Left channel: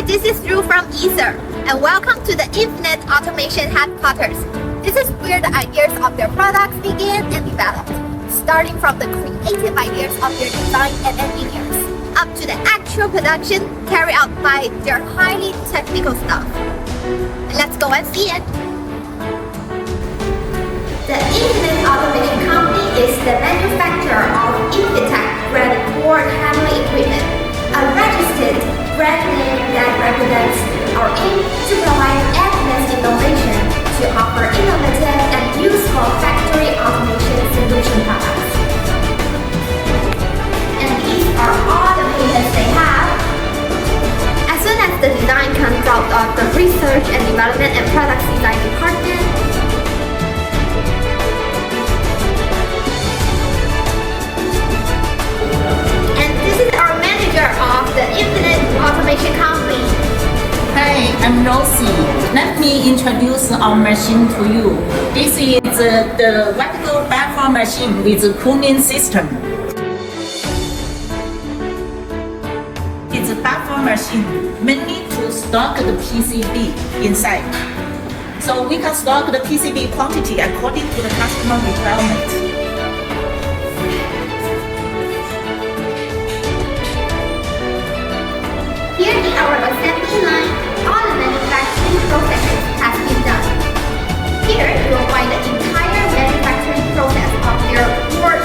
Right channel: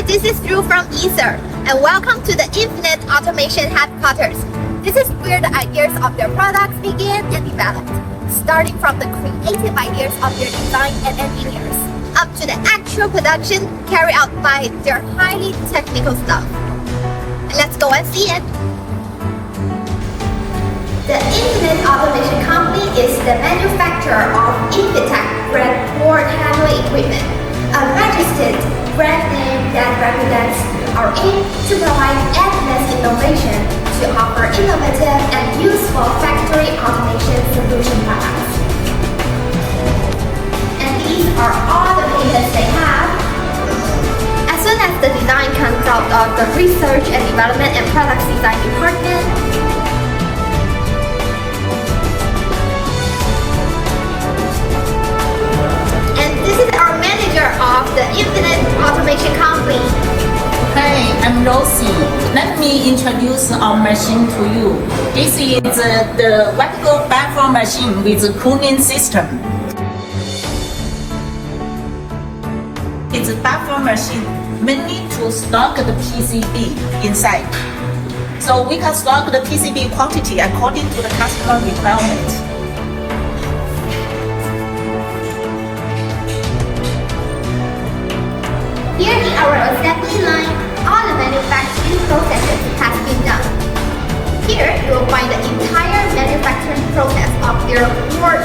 Hi, this is Drew from Ether, and welcome to the Infinite Automation Headquarters. This is where the ideas of their products begin and develop, starting from the creative ideas of their design and engineers, up to the actual production carried out by their highly technical staff. Let's go and see it. The Infinite Automation Company is the manufacturer of Infitek brand board handling equipment, a registered brand name that represents our aim to provide advanced innovation to offer innovative and useful factory automation solution products. And these are all the patents they have. As soon as the design comes out of the research and development and products design department, of the Infinite Automation Company. Hi, I'm Rosie. Let me introduce our machine to you. This is the vertical platform machine with a cooling system. It's a platform machine mainly to stock the PCB inside. So we can stock the PCB quantity according to the customer requirement. Here in our assembly line, all the manufacturing processes have been done. Here you will find the entire manufacturing process of your board